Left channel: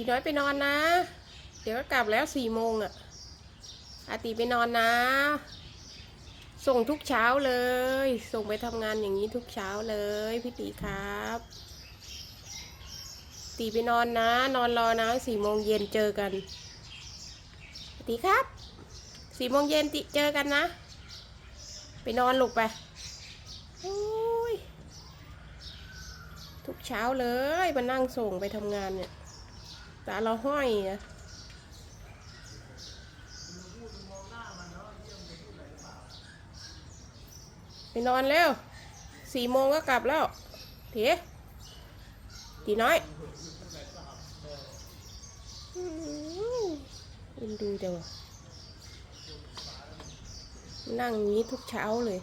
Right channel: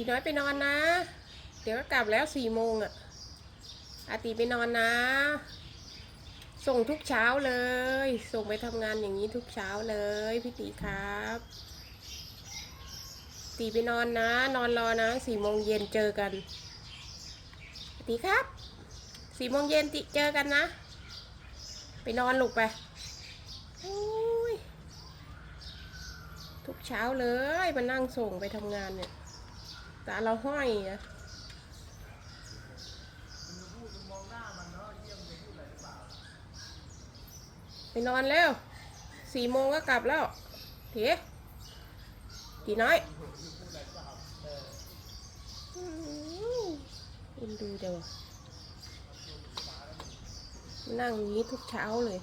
ตีน้อยไปนอนนะ เดี๋ยวก็กลับแล้วสี่โมงอะอาตีไปนอนนะ ส่งทุกเช้าเลย ส่งไปทำงานอย่างนี้ทุกเช้าเลยพี่ตีครับ ตีไปนอนนะ นอนรอนะสี่โมงเย็นเจอกัน ตีครับสี่โมงเย็นติเจอกันนะ ไปนอนลูกไปโอ้ยทุกเช้าเลยมานั่งส่งไปทำงานเนี่ย ตาเราห้อยอะไปนอนเร็วสี่โมงก็กลับแล้วเถีตีน้อยอืมเอ็นดูเดี๋ยวนั่งอย่างนี้ทุกเช้าเลย